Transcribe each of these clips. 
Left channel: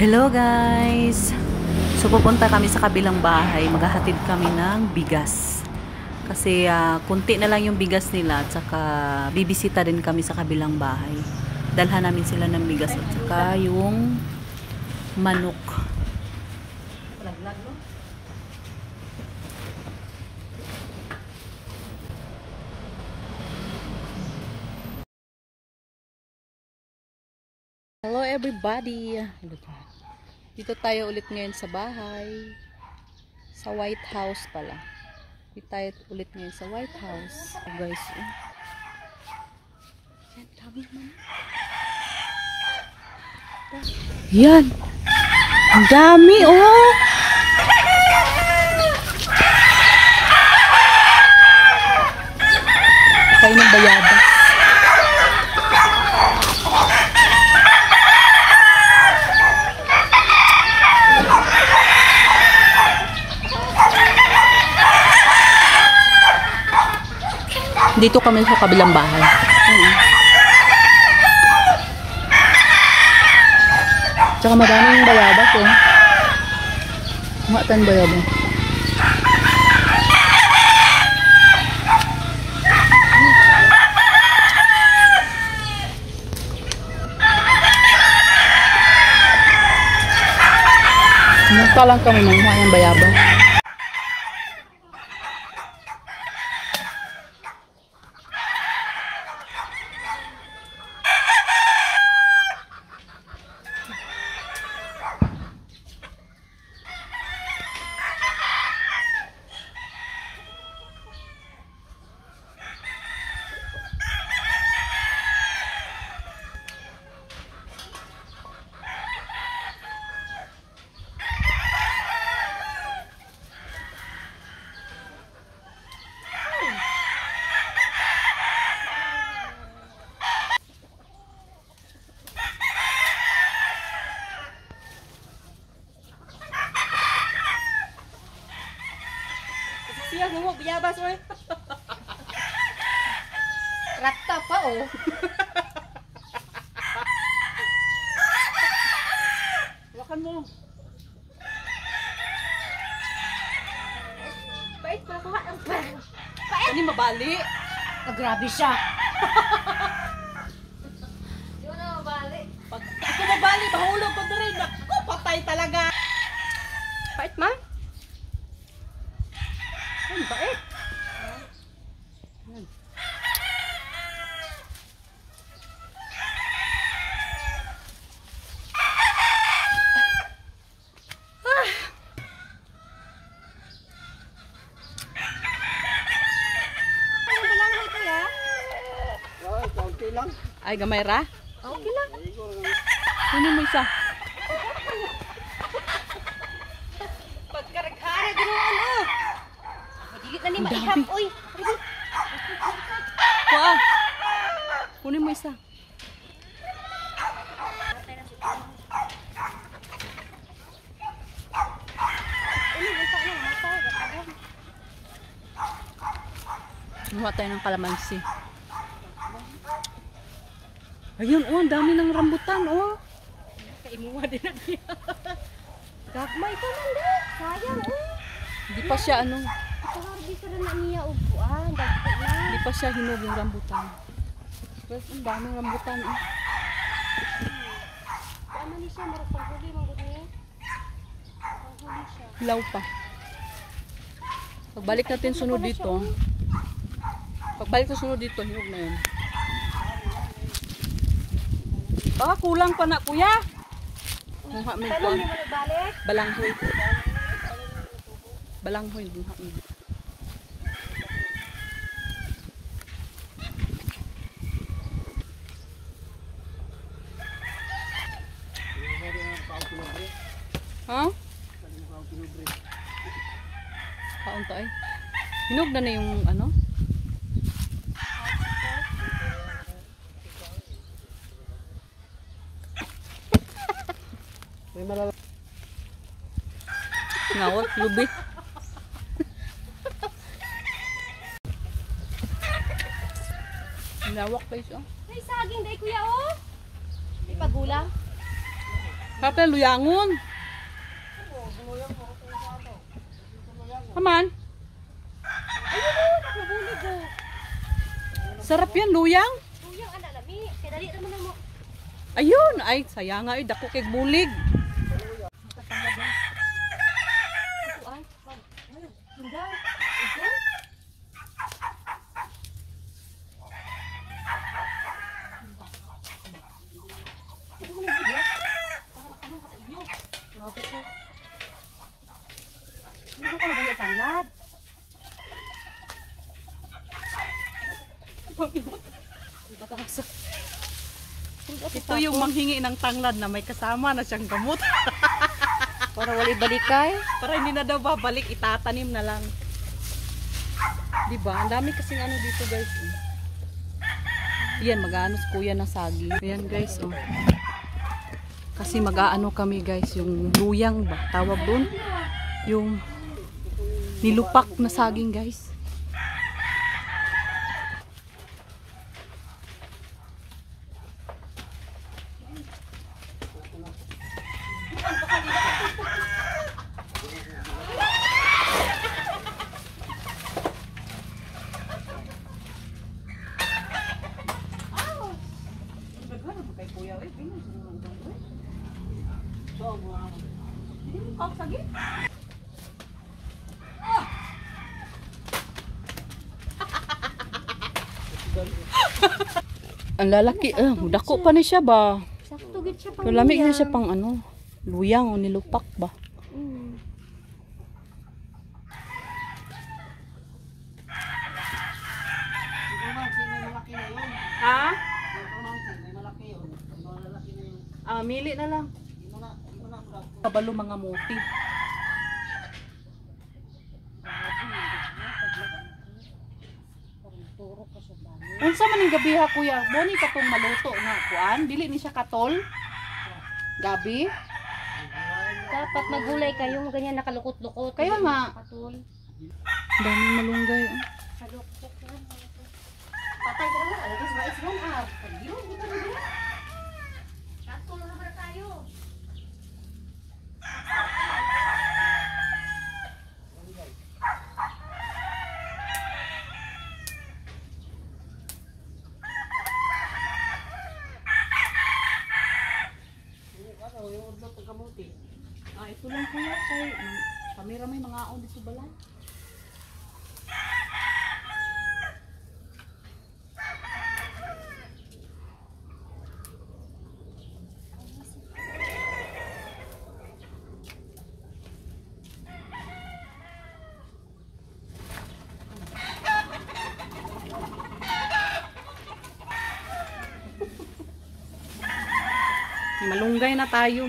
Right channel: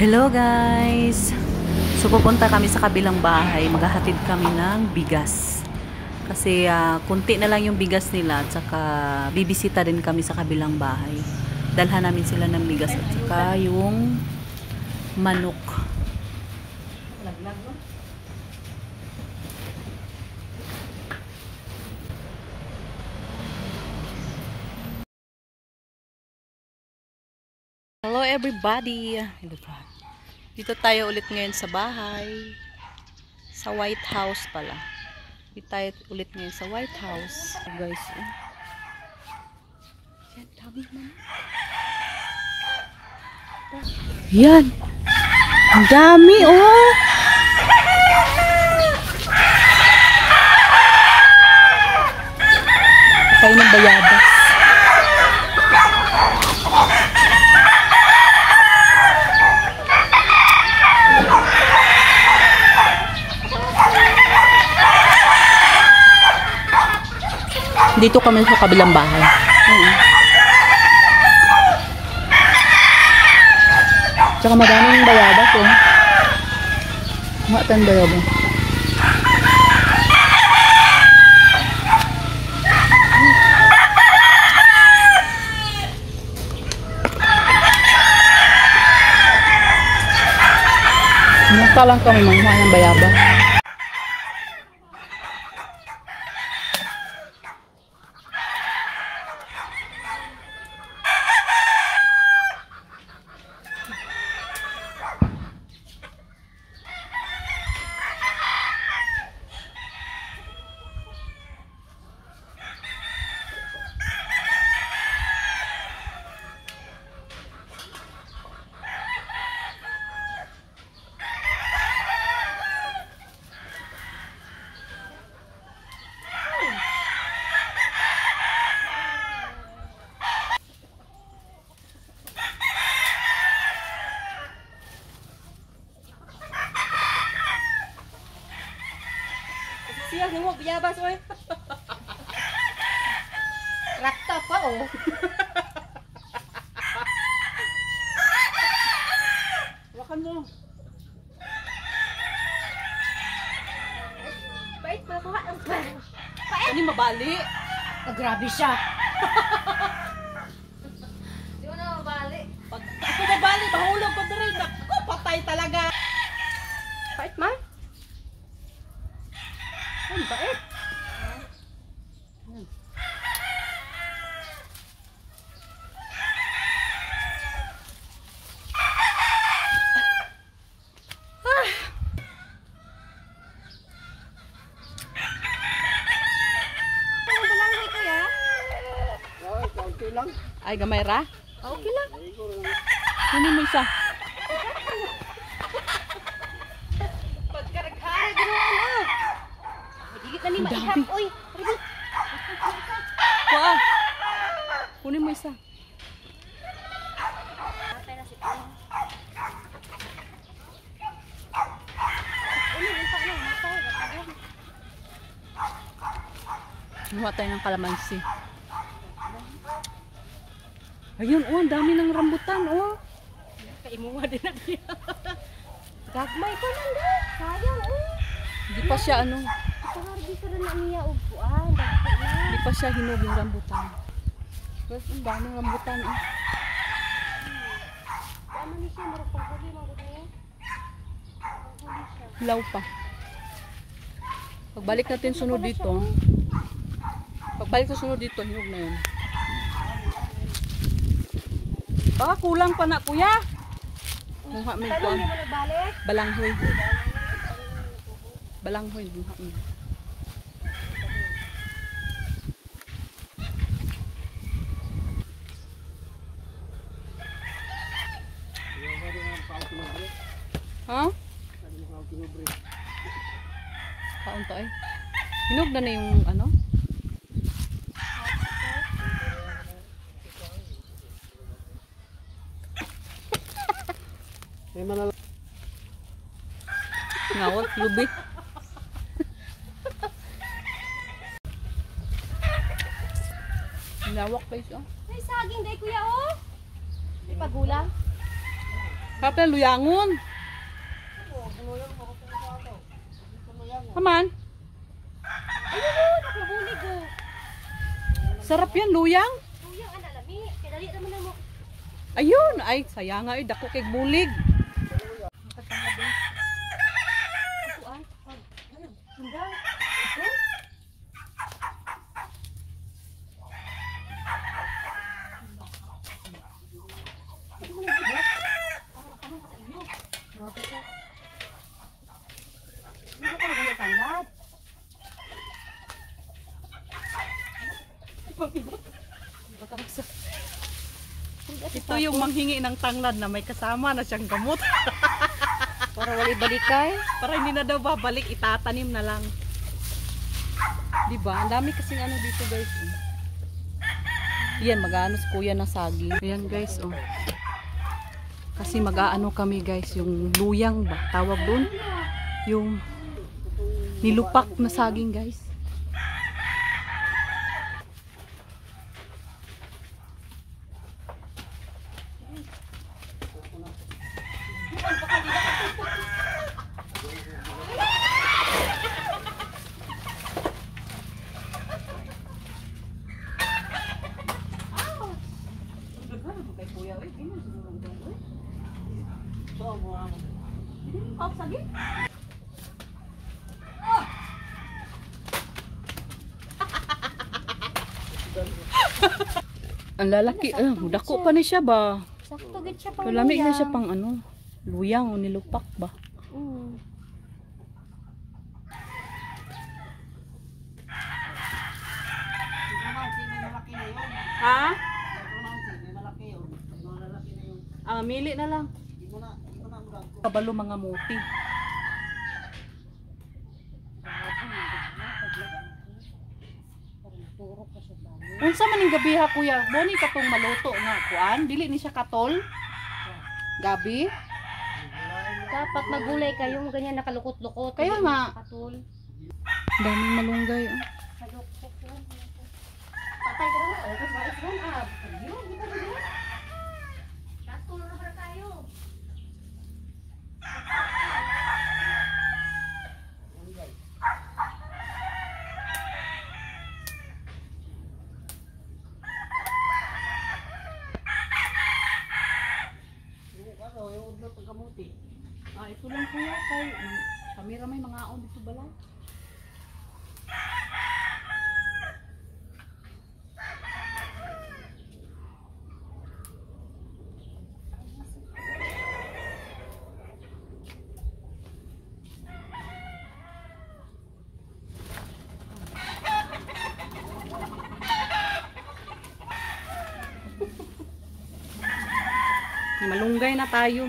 Hello guys! So pupunta kami sa kabilang bahay, maghahatid kami ng bigas. Kasi kunti na lang yung bigas nila at saka bibisita din kami sa kabilang bahay. Dalhan namin sila ng bigas at saka yung manok. Hello everybody! Dito tayo ulit ngayon sa bahay. Sa White House pala. Dito tayo ulit ngayon sa White House. So guys, yan, dami man. Yan! Ang dami oh! Tayo ng bayabas. Dito kami sa kabilang bahay. Tsaka maraming bayabas oh. Matan bayabas. Munta lang kami manguha ng bayabas. Siya nungok biyabas oy. Rata pa oh. Wakan mo. Bait pa ko ha. Kani mabali. Oh, grabe siya. Di na mabali. Pag ako mabali, mahulog ko diri. Naku, patay talaga. Bait man. Ang bait. Ay, gamay ra? Okay lang. Kunin mo isa. Pagkaragara dito ano. Magigit na ni Ang dami. maihap oy. Kuha. Kunin mo isa. Gumawa tayo ng kalamansi. Ayun, oh, ang dami ng rambutan, oh. Kaimuha din na niya. Gagmay ko lang din. Sayang oh. Hindi pa siya, ano, Ito dito na na niya upuan. hindi pa siya hinog yung rambutan. Pero ang daming rambutan, oh. Ano ni siya? Marap pagpuli ng gulay. Hilaw pa. Pagbalik natin sunod dito, hinog na yun. Baka kulang pa na, kuya. Mungha may kuwan. Balik. Balanghoy. Balanghoy. Mungha may. Ha? Kaon to ay. Hinog na na yung ano? Ngawat, lubi. Lawak guys, oh. May saging day kuya oh. May pagulang. Kapag luyangon. Kaman? Nabulig ko. Sarap yan, luyang. Luyang anak lami. Kaya dali naman mo. Ayun, ay sayang nga, dako kay bulig. Kuan. Hanggang. Hindi ko na tanggap. Ito yung manghingi ng tanglad na may kasama na siyang gamot. Para wala balikay. Para hindi na daw babalik, itatanim na lang. Diba? Ang dami kasing ano dito guys. Yan, mag-aano si kuya ng saging. Ayan guys, oh. Kasi mag-aano kami guys, yung luyang ba? Tawag doon? Yung nilupak na saging guys. Ang lalaki, dako pa na siya ba? Sakto gid siya pang. Lamig na siya pang ano, luyang o nilupak ba? Ha? Mili na lang. Kabalo mga muti. Unsa man ning gabi ha kuya? Boni katong maluto na kuan, dili ni siya katol. Gabi. Dapat magulay kayo, ganyan nakalukot-lukot. Kaya nga. Katul. Daming malunggay. Patay ka na. Ay, kasi mais lang ah. Katul na tayo. Ito lang kuya kay kamera may mga aon dito balay. Malunggay na tayo.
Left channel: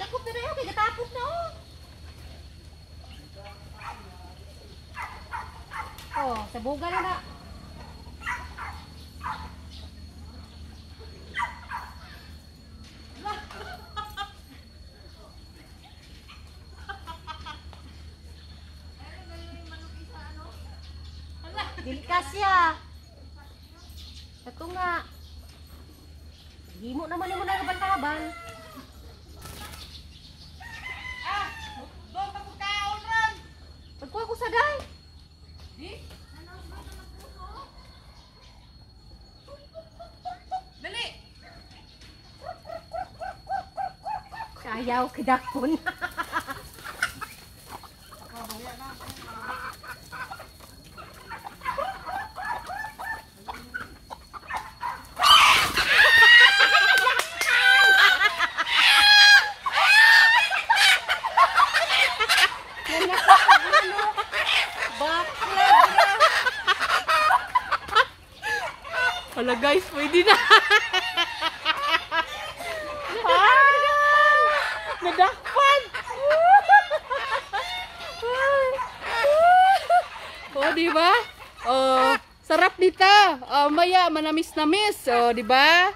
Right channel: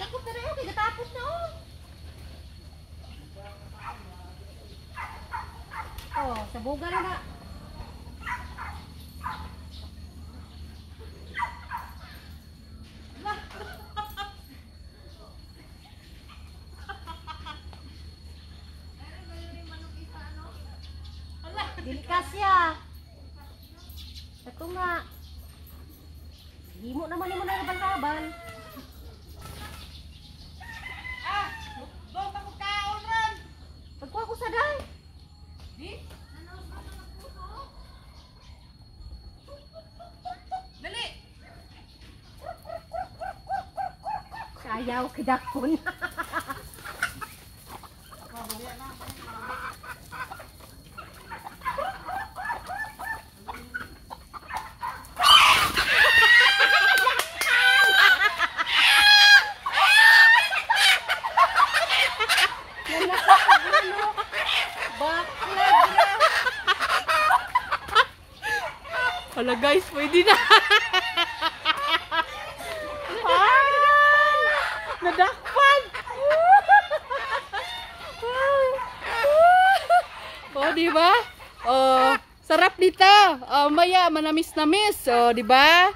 Dako pero yung kigatapos na oh. Oh, sa bugal na. Delikasya. Ito nga. Himo naman mo na kaban-kaban. Doon pa ko kaon ron. Nagkuha ko sa day. Di? Dali. Kayaw kidakon. Hala guys, pwede na. Nadakpan. Oh, di ba? Oh, sarap dito. Oh, maya manamis-namis. Oh, di ba?